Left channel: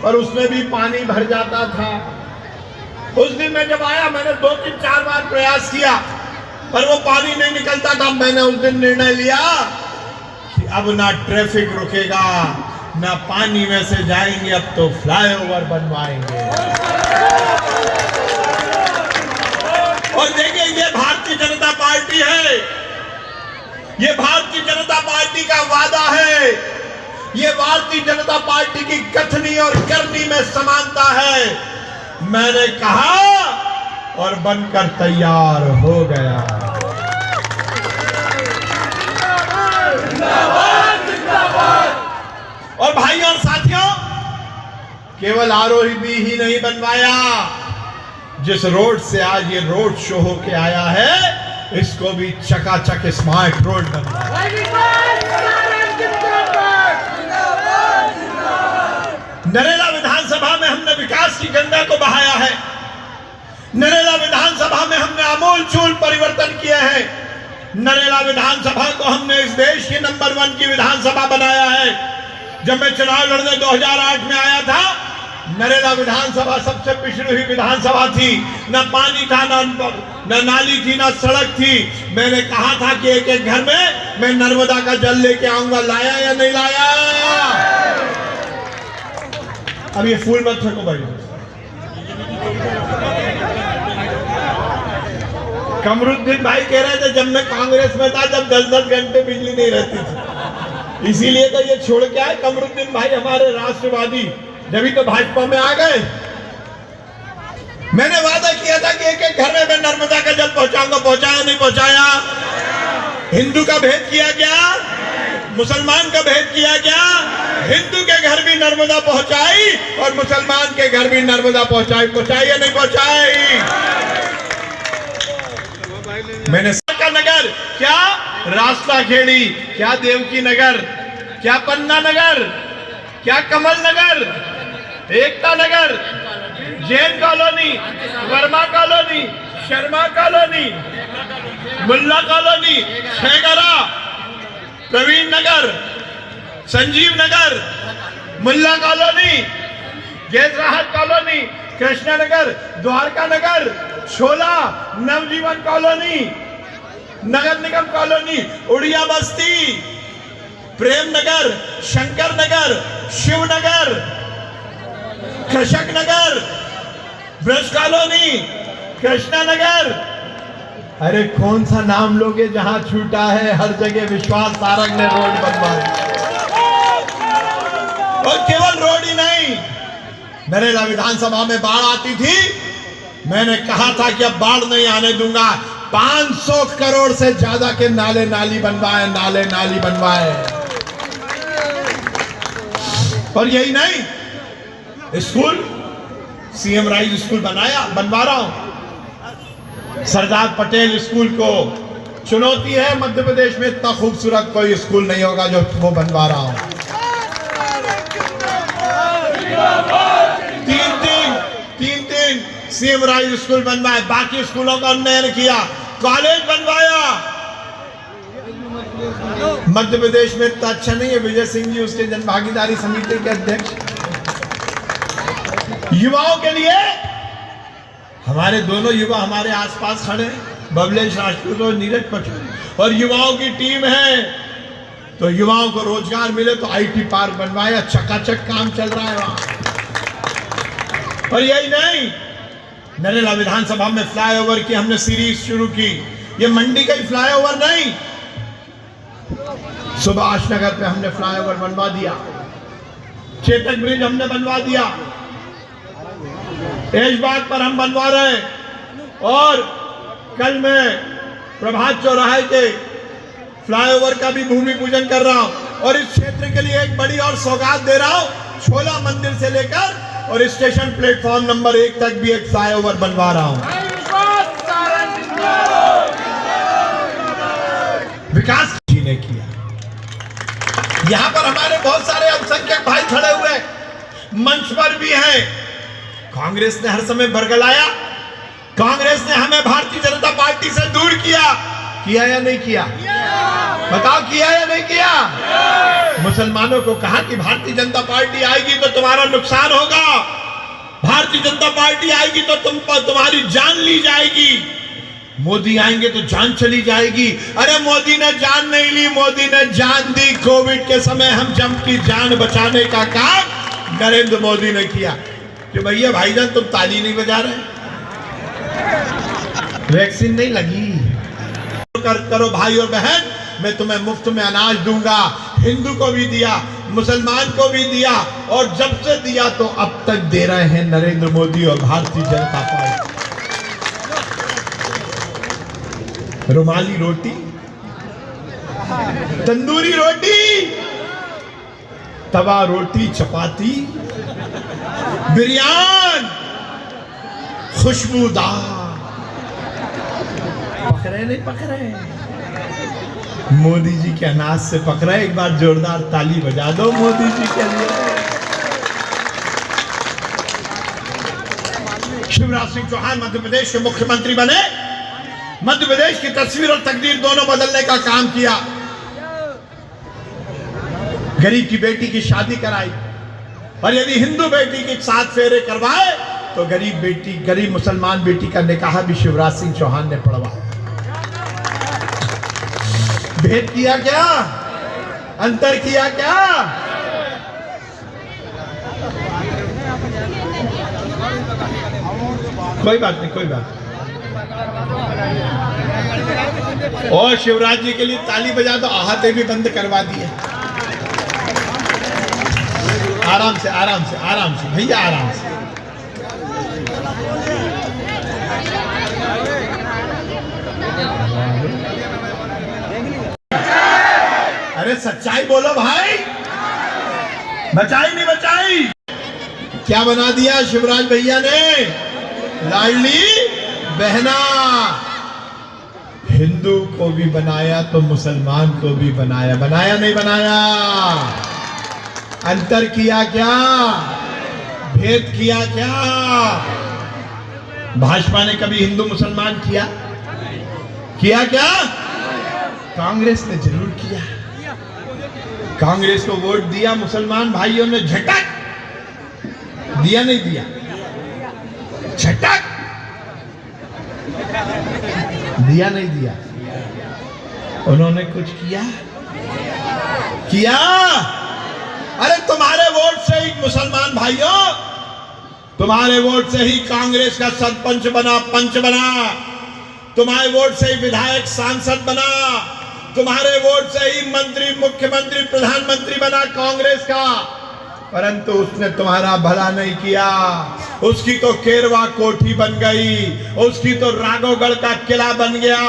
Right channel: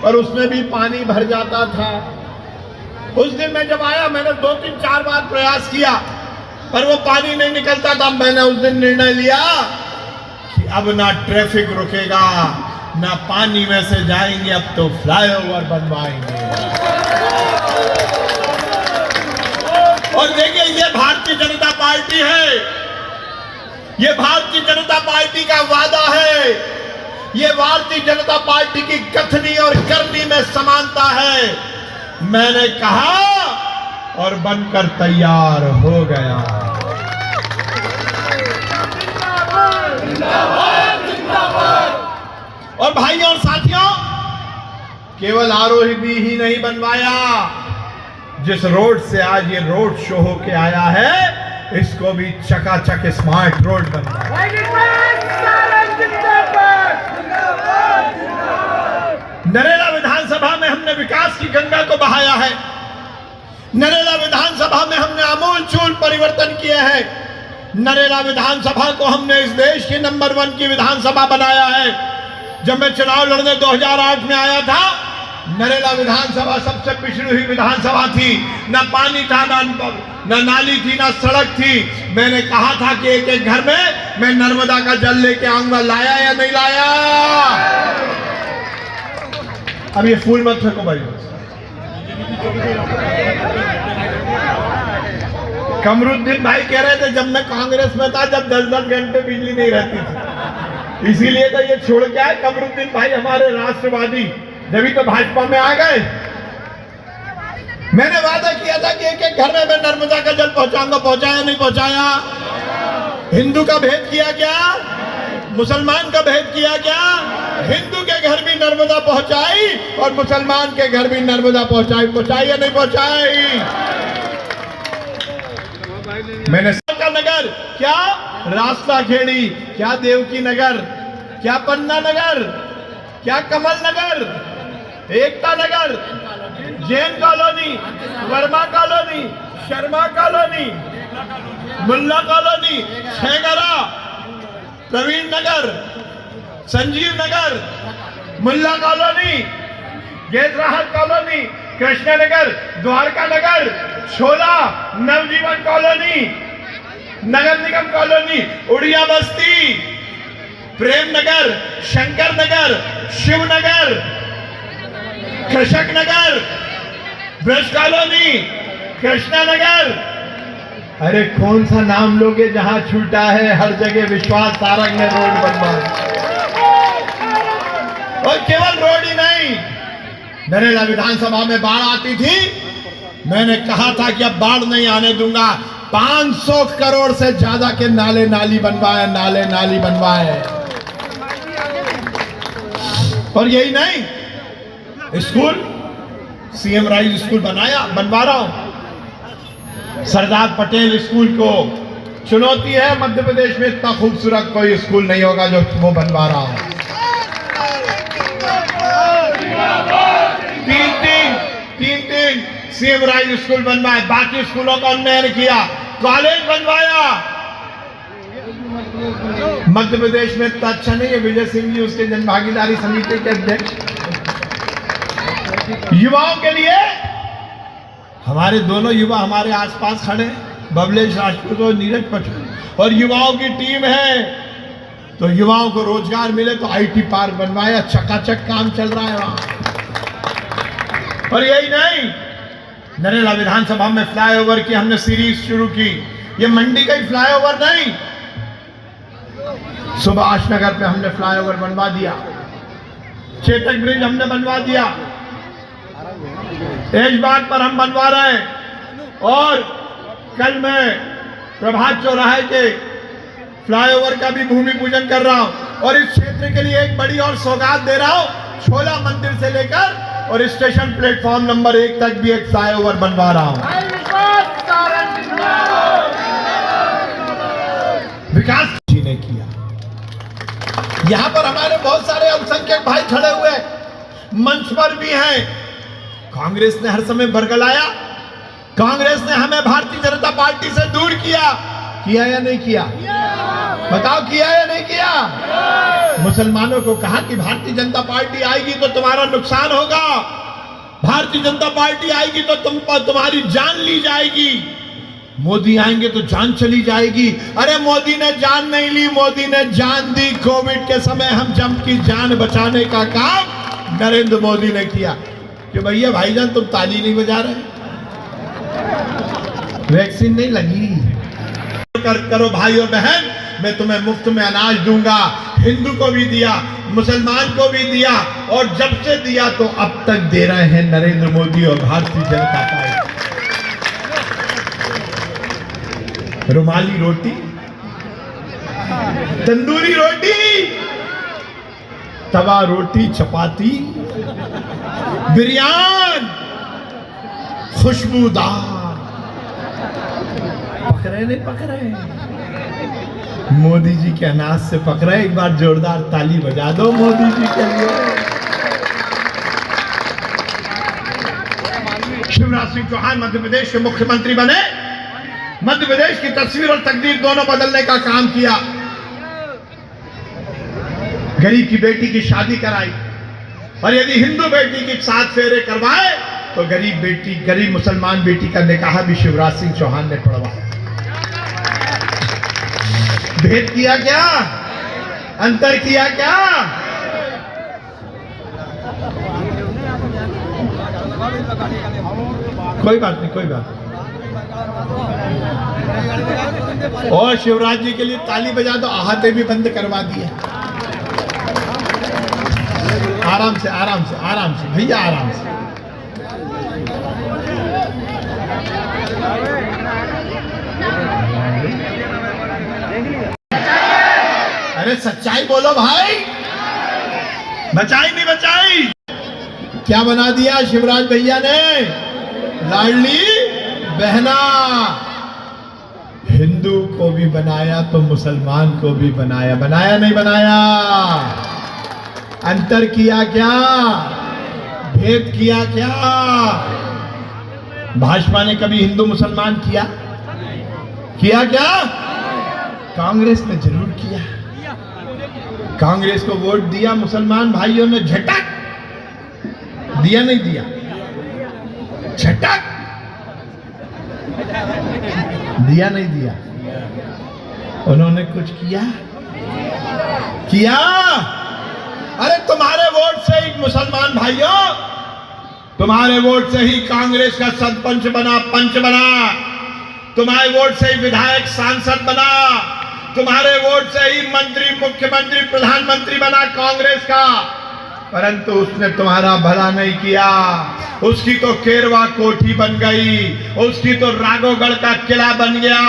और उसमें भी पानी भर जाता था। उस दिन मैं जब आया, मैंने 2-3-4 बार प्रयास किया, पर वो पानी नहीं निकलता था। मैंने उस दिन निर्णय लिया कि अब ना ट्रैफिक रुकेगा, ना पानी में से जाएंगे, अब तो फ्लाईओवर बनवाएंगे। और देखिए, ये भारतीय जनता पार्टी है, ये भारतीय जनता पार्टी का वादा है, ये भारतीय जनता पार्टी की कथनी और करनी में समानता है। मैंने कहा और बनकर तैयार हो गया। और भाइयों और साथियों, केवल आरोही ही नहीं बनवाया, जिस रोड से आज ये रोड शो होके आया है, इसको भी चकाचक स्मार्ट रोड बनवाया। नरेला विधानसभा में हमने विकास की गंगा को बहाया है। नरेला विधानसभा में हमने आमूलचूल परिवर्तन किया है। नरेला विधानसभा को हमने इस देश की नंबर 1 की विधानसभा बनाया है। जब मैं चुनाव लड़ने 2008 में आया था, नरेला विधानसभा सबसे पिछड़ी हुई विधानसभा थी। न पानी था, न नाली थी, न सड़क थी। मैंने कहा था कि एक एक घर में मैं नर्मदा का जल लेके आऊंगा। लाया या नहीं लाया? अब ये फूल मत फेंको भाई। कमरुद्दीन भाई कह रहे थे, जब मैं कांग्रेस में था, जब 10-10 घंटे बिजली नहीं रहती थी, इसीलिए तो ये छोड़ के आए कमरुद्दीन भाई हमारे राष्ट्रवादी, जब तो भाजपा में आ गए। मैंने वादा किया था कि एक एक घर में मैं नर्मदा का जल पहुंचाऊंगा। पहुंचाया नहीं पहुंचाया? हिंदू का भेद किया क्या? मुसलमान का भेद किया क्या? हिंदू के घर भी नर्मदा पहुंचाई और मुसलमान के घर भी नर्मदा पहुंचाई। पहुंचाई या नहीं पहुंचाई? मैंने का नगर, क्या रास्ता खेड़ी, क्या देवकी नगर, क्या पन्ना नगर, क्या Kamal Nagar, Ekta Nagar, Jain colony, Verma colony, Sharma colony, Mulla colony, Chhegra, Praveen Nagar, Sanjeev Nagar, Mulla colony, gas Rahat colony, Krishna Nagar, Dwarka Nagar, Chhola, Navjeevan colony, Nagar Nigam colony, Oriya Basti, Prem Nagar, Shankar Nagar, Shiv Nagar, Krishak Nagar, Braj colony, Krishna Nagar. अरे कौन सा नाम लोगे जहां छूटा है? हर जगह विश्वास सारंग ने रोड बनवा। और केवल रोड ही नहीं, नरेला विधानसभा में बाढ़ आती थी। मैंने कहा था कि अब बाढ़ नहीं आने दूंगा। 500 करोड़ से ज्यादा के नाले नाली बनवाए, नाले नाली बनवाए। और यही नहीं, स्कूल, सीएम राइज स्कूल बनवा रहा हूं। सरदार पटेल स्कूल को चुनौती है, मध्य प्रदेश में इतना खूबसूरत कोई स्कूल नहीं होगा जो वो बनवा रहा हूं। 3 सीएम राइज स्कूल बनवाए, बाकी स्कूलों का उन्नयन किया, कॉलेज बनवाया। मध्य प्रदेश में इतना अच्छा नहीं है। विजय सिंह जी उसके जन भागीदारी समिति के अध्यक्ष। युवाओं के लिए हमारे दोनों युवा हमारे आसपास खड़े हैं, बबलेश राजपूत और नीरज पटेल, और युवाओं की टीम है। तो युवाओं को रोजगार मिले तो आईटी पार्क बनवाया, चकाचक काम चल रहा है वहां। और यही नहीं, नरेला विधानसभा में फ्लाईओवर की हमने सीरीज शुरू की। ये मंडी का ही फ्लाईओवर नहीं, सुभाष नगर पे हमने फ्लाईओवर बनवा दिया, चेतक ब्रिज हमने बनवा दिया, ऐशबाग पर हम बनवा रहे हैं और कल मैं प्रभात चौराहे के फ्लाईओवर का भी भूमि पूजन कर रहा हूं और इस क्षेत्र के लिए एक बड़ी और सौगात दे रहा हूं। छोला मंदिर से लेकर और स्टेशन प्लेटफॉर्म नंबर 1 तक भी एक फ्लाईओवर बनवा रहा हूं। विकास जी ने किया। यहां पर हमारे बहुत सारे अल्पसंख्यक भाई खड़े हुए मंच पर भी हैं। कांग्रेस ने हर समय बरगलाया, कांग्रेस ने हमें भारतीय जनता पार्टी से दूर किया या नहीं किया? बताओ, किया या नहीं किया? मुसलमानों को कहा कि भारतीय जनता पार्टी आएगी तो तुम्हारा नुकसान होगा, भारतीय जनता पार्टी आएगी तो तुम्हारी जान ली जाएगी, मोदी आएंगे तो जान चली जाएगी। अरे मोदी ने जान नहीं ली, मोदी ने जान दी। कोविड के समय हम जम की जान बचाने का काम नरेंद्र मोदी ने किया। कि भैया भाईजान तुम ताली नहीं बजा रहे, वैक्सीन नहीं लगी, करो भाई और बहन, मैं तुम्हें मुफ्त में अनाज दूंगा। हिंदू को भी दिया, मुसलमान को भी दिया और जब से दिया तो अब तक दे रहे हैं नरेंद्र मोदी और भारतीय जनता पार्टी। रुमाली रोटी, तंदूरी रोटी, तवा रोटी, चपाती, बिरयानी, खुशबूदार। पकड़े नहीं पकड़े? मोदी जी के अनाज से पकड़े। एक बार जोरदार ताली बजा दो मोदी जी के लिए। शिवराज सिंह चौहान मध्य प्रदेश के मुख्यमंत्री बने, मध्य प्रदेश की तस्वीर और तकदीर दोनों बदलने का काम किया। गरीब की बेटी की शादी कराई और यदि हिंदू बेटी के 7 फेरे करवाए तो गरीब मुसलमान बेटी का निकाह भी शिवराज सिंह चौहान ने पढ़वाया। भेद किया क्या? अंतर किया क्या? कोई बात नहीं, कोई बात नहीं। और शिवराज जी के लिए ताली बजा दो, आहते भी बंद करवा दिए। आराम से आराम से आराम से भैया, आराम से। अरे सच्चाई बोलो भाई, बचाई नहीं बचाई? क्या बना दिया शिवराज भैया ने? लाडली बहना। हिंदू को भी बनाया तो मुसलमान को भी बनाया। बनाया नहीं बनाया? अंतर किया क्या? भेद किया क्या? भाजपा ने कभी हिंदू मुसलमान किया? किया क्या? कांग्रेस ने जरूर किया। कांग्रेस को वोट दिया मुसलमान भाइयों ने, झटक दिया नहीं दिया? झटक दिया नहीं दिया? उन्होंने कुछ किया? किया? अरे तुम्हारे वोट से ही मुसलमान भाइयों, तुम्हारे वोट से ही कांग्रेस का सरपंच बना, पंच बना, तुम्हारे वोट से ही विधायक सांसद बना, तुम्हारे वोट से ही मंत्री, मुख्यमंत्री, प्रधानमंत्री बना कांग्रेस का। परंतु उसने तुम्हारा भला नहीं किया। उसकी तो केरवा कोठी बन गई, उसकी तो राघोगढ़ का किला बन गया,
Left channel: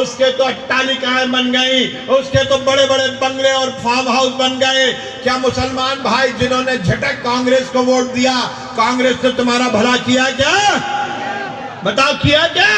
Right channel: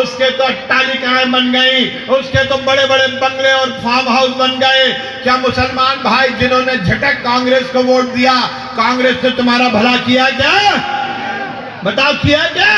उसके तो अट्टालिकाएं बन गई, उसके तो बड़े बड़े बंगले और फार्म हाउस बन गए। क्या मुसलमान भाई जिन्होंने झटक कांग्रेस को वोट दिया, कांग्रेस ने तुम्हारा भला किया क्या? बताओ, किया क्या?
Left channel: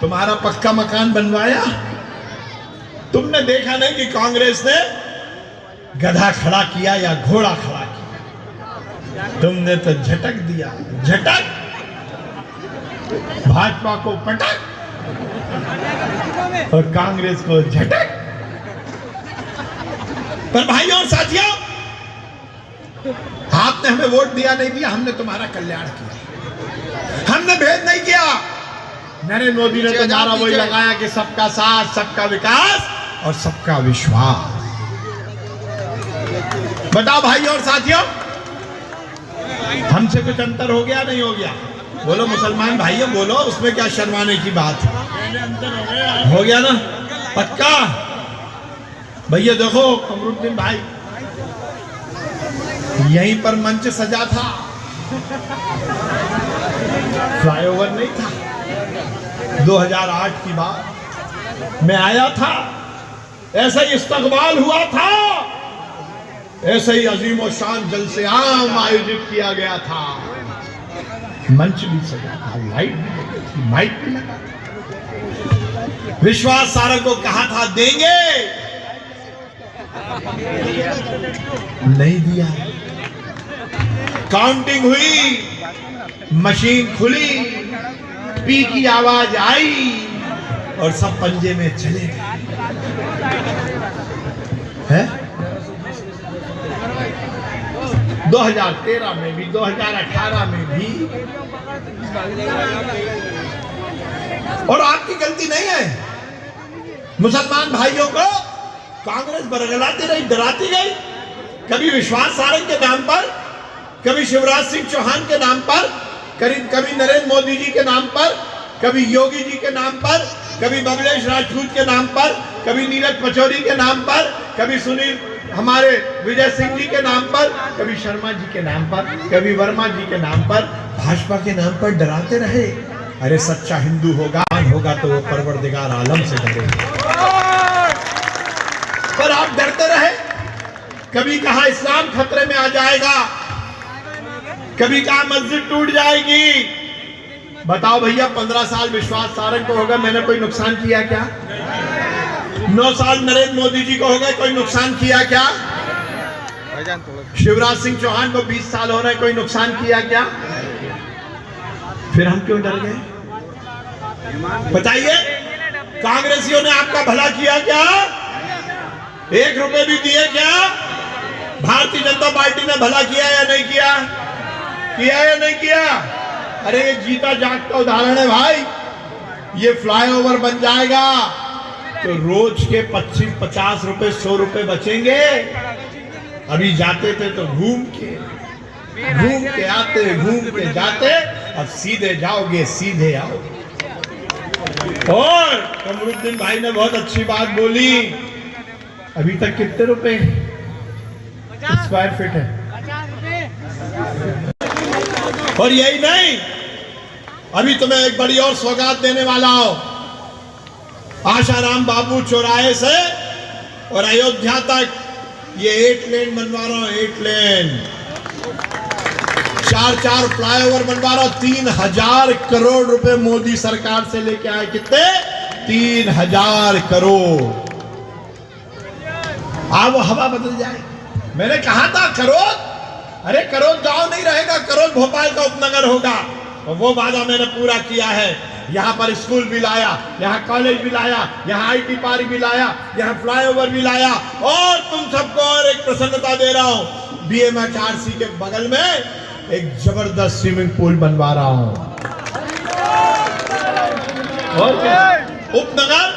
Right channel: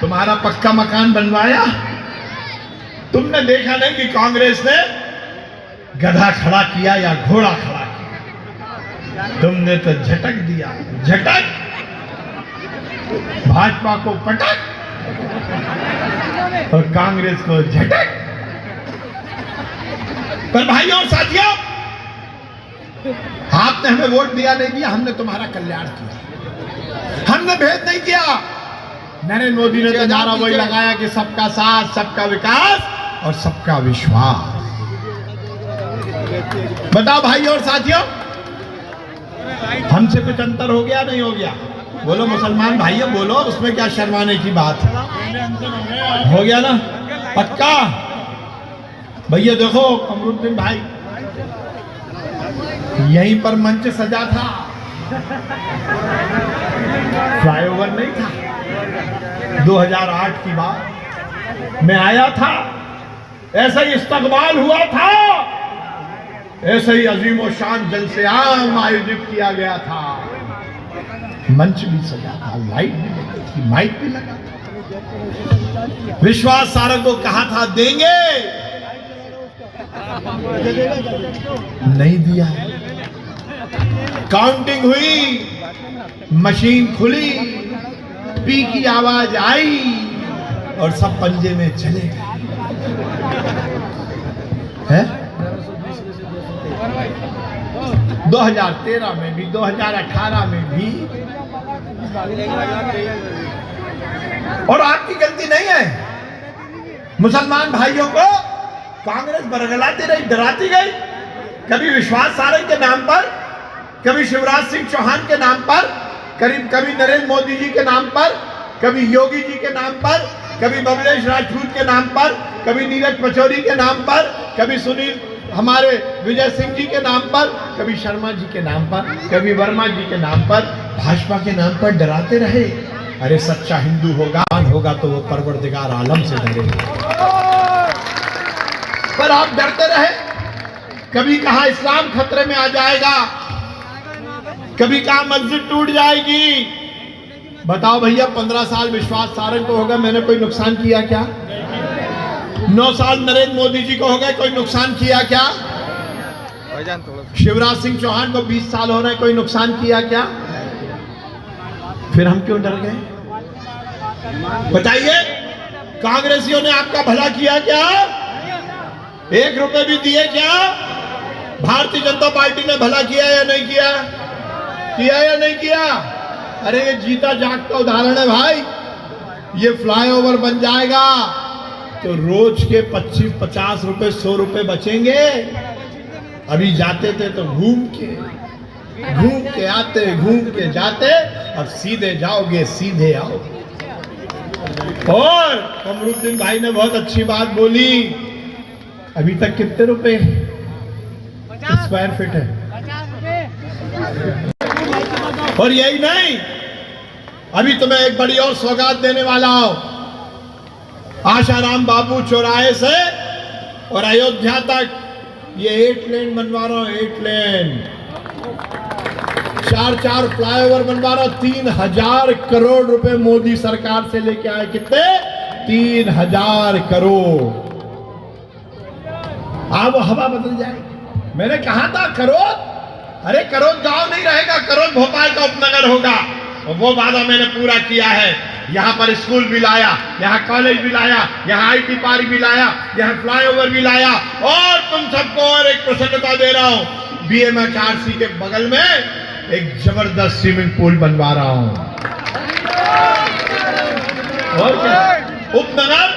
तुम्हारा पक्का मकान बनवाया? तुमने देखा नहीं कि कांग्रेस ने गधा खड़ा किया या घोड़ा खड़ा किया? तुमने तो झटक दिया, झटक। भाजपा को पटक और कांग्रेस को झटक। पर भाइयों और साथियों, आपने हमें वोट दिया नहीं दिया, हमने तुम्हारा कल्याण किया, हमने भेद नहीं किया। नरेंद्र मोदी ने तुम्हारा वही लगाया कि सबका साथ, सबका विकास और सबका विश्वास। बताओ भाइयों और साथियों, हमसे कुछ अंतर हो गया नहीं हो गया? बोलो मुसलमान भाइयों, बोलो, उसमें क्या शर्माने की बात है? हो गया ना? पक्का? भैया देखो कमरुद्दीन भाई, यहीं पर मंच सजा था, फ्लाईओवर नहीं था। 2008 की बात, मैं आया था, ऐसा ही इस्तकबाल हुआ था, ऐसे ही अजीम और शान जलसे आम आयोजित किया गया था, मंच भी सजा था, लाइट भी लगी थी, माइक भी लगा था। विश्वास सारंग को कहा था देंगे, नहीं दिया। काउंटिंग हुई, मशीन खुली, पी की आवाज आई और सब पंजे में चले गए। हैं? 2013 में भी, 2018 में भी, और आपकी गलती नहीं है। मुसलमान भाइयों को कांग्रेस बरगलाती रही, डराती गई, कभी विश्वास सारंग के नाम पर, कभी शिवराज सिंह चौहान के नाम पर, कभी नरेंद्र मोदी जी के नाम पर, कभी योगी जी के नाम पर, कभी बबलेश राजपूत के नाम पर, कभी नीरज पचौरी के नाम पर, कभी सुनील हमारे विजय सिंह जी के नाम पर, कभी शर्मा जी के नाम पर, कभी वर्मा जी के नाम पर, भाजपा के नाम पर डराते रहे। अरे सच्चा हिंदू होगा तो वो परवरदिगार आलम से डरेगा, पर आप डरते रहे। कभी कहा इस्लाम खतरे में आ जाएगा, कभी कहा मस्जिद टूट जाएगी। बताओ भैया, 15 साल विश्वास सारंग को हो गए, मैंने कोई नुकसान किया क्या? 9 साल नरेंद्र मोदी जी को हो गए, कोई नुकसान किया क्या? शिवराज सिंह चौहान को 20 साल हो रहे, कोई नुकसान किया क्या? फिर हम क्यों डर गए? बताइए, कांग्रेसियों ने आपका भला किया क्या? 1 रुपए भी दिए क्या? भारतीय जनता पार्टी ने भला किया या नहीं किया? किया या नहीं किया? अरे ये जीता जागता उदाहरण है भाई। ये फ्लाईओवर बन जाएगा तो रोज के 25-50 रुपए 100 रुपए बचेंगे। अभी जाते थे तो घूम के आते, घूम के जाते, अब सीधे जाओगे सीधे आओगे। और कमरुद्दीन भाई ने बहुत अच्छी बात बोली, अभी तक कितने रुपए स्क्वायर फीट है? और यही नहीं, अभी तुम्हें एक बड़ी और सौगात देने वाला हूं। आशाराम बापू चौराहे से और अयोध्या तक ये 8 लेन बनवा रहा हूं, 8 लेन, 4 फ्लाईओवर बनवा रहा हूं। 3000 करोड़ रुपए मोदी सरकार से लेके आए। कितने? 3000 करोड़। अब हवा बदल जाए। मैंने कहा था करोड़, अरे करोड़ गांव नहीं रहेगा, करोड़ भोपाल का उपनगर होगा, और वो वादा मैंने पूरा किया है। यहाँ पर स्कूल भी लाया, यहाँ कॉलेज भी लाया, यहाँ IT पार्क भी लाया, यहाँ फ्लाईओवर भी लाया, और तुम सबको और एक प्रसन्नता दे रहा हूँ, BMHRC के बगल में एक जबरदस्त स्विमिंग पूल बनवा रहा हूँ। और क्या? उपनगर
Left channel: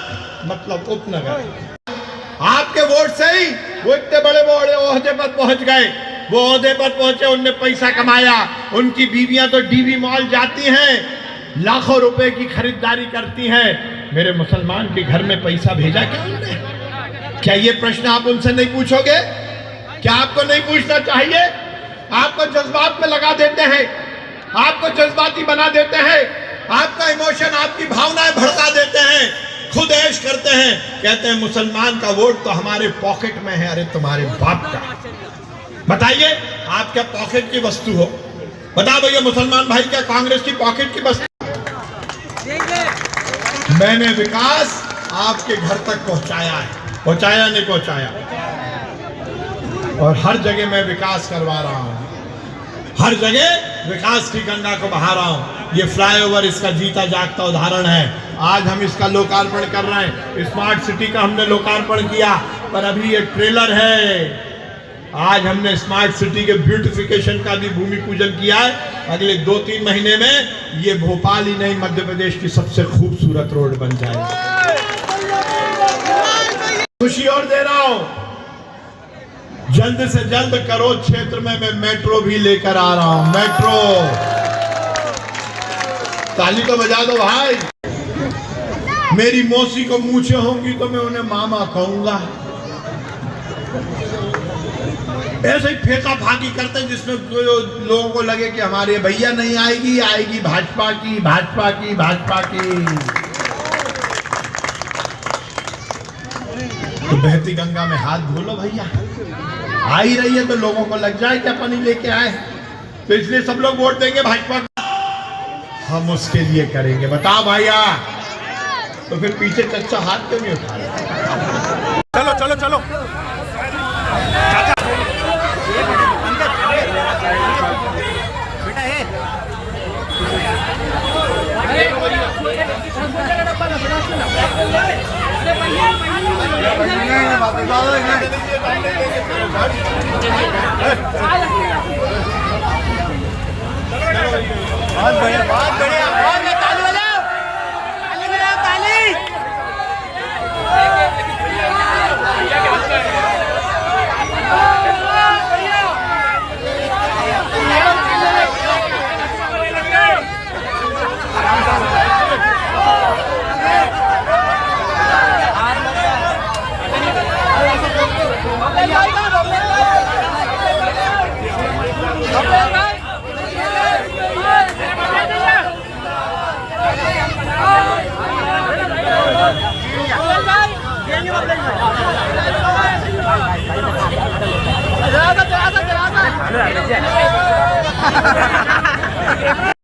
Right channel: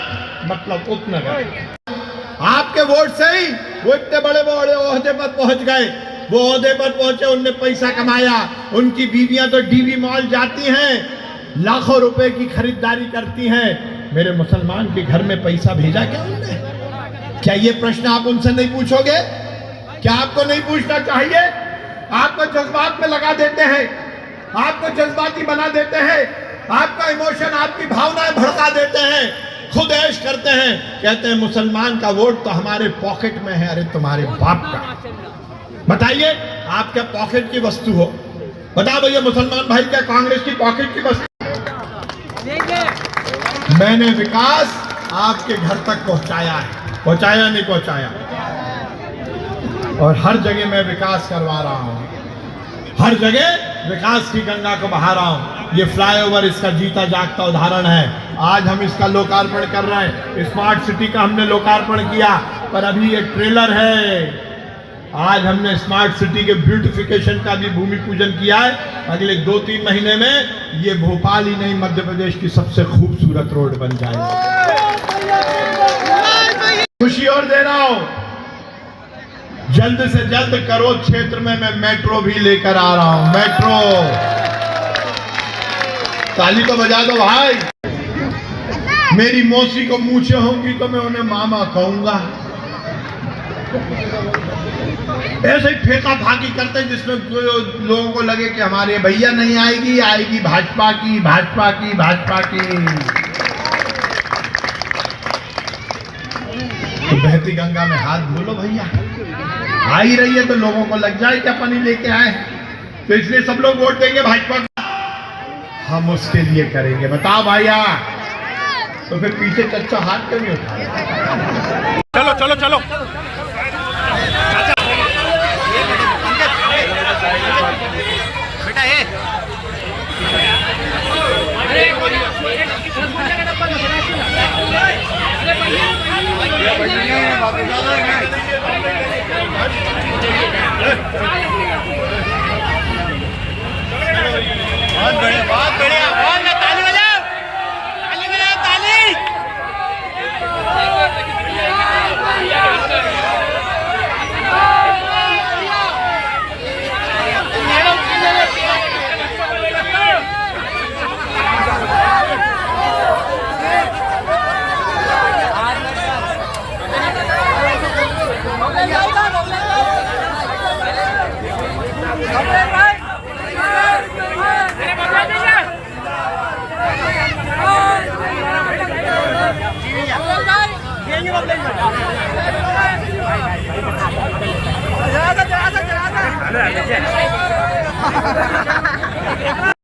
मतलब उपनगर। आपके वोट से ही वो इतने बड़े बड़े ओहदे पर पहुंच गए। वो ओहदे पर पहुंचे, उनने पैसा कमाया, उनकी बीवियां तो DV मॉल जाती हैं, लाखों रुपए की खरीदारी करती हैं। मेरे मुसलमान के घर में पैसा भेजा क्या उन्होंने? क्या ये प्रश्न आप उनसे नहीं पूछोगे? क्या आपको नहीं पूछना चाहिए? आपको जज्बात में लगा देते हैं, आपको जज्बाती बना देते हैं, आपका इमोशन, आपकी भावनाएं भड़का देते हैं, खुद ऐश करते हैं, कहते हैं मुसलमान का वोट तो हमारे पॉकेट में है। अरे तुम्हारे बाप का। बताइए, आप क्या पॉकेट की वस्तु हो? बताओ भैया, मुसलमान भाई क्या कांग्रेस की पॉकेट की वस्तु? मैंने विकास आपके घर तक पहुंचाया है, पहुंचाया नहीं पहुंचाया? और हर जगह मैं विकास करवा रहा हूं, हर जगह विकास की गंगा को बहा रहा हूं। ये फ्लाईओवर इसका जीता जागता उदाहरण है। आज हम इसका लोकार्पण कर रहे हैं। स्मार्ट सिटी का हमने लोकार्पण किया, पर अभी ये ट्रेलर है। आज हमने स्मार्ट सिटी के ब्यूटिफिकेशन का भी भूमि पूजन किया है। अगले 2-3 महीने में ये भोपाल ही नहीं, मध्य प्रदेश की सबसे खूबसूरत रोड बन जाएगी। खुशी और दे रहा हूं, जल्द से जल्द करोड़ क्षेत्र में मैं मेट्रो भी लेकर आ रहा हूं। मेट्रो, ताली तो बजा दो भाई। मेरी मौसी को मूछें होंगी तो मैं उन्हें मामा कहूंगा। ऐसे ही फेंका फाकी करते हैं जिसमें लोगों को लगे कि हमारे भैया नहीं आएगी, आएगी भाजपा की, भाजपा की, भाजपा की। तो बहती गंगा में हाथ धो लो भैया, आ ही रही है तो लोगों को लग जाए कि अपन ही लेके आए, तो इसलिए सब लोग वोट देंगे भाजपा को, हम उसके लिए करेंगे। बताओ भैया, तो फिर पीछे चच्चा हाथ क्यों नहीं उठा? चलो चलो चलो बहुत बढ़िया, बहुत बढ़िया, बहुत ताली बजाओ, ताली बजाओ, ताली। चला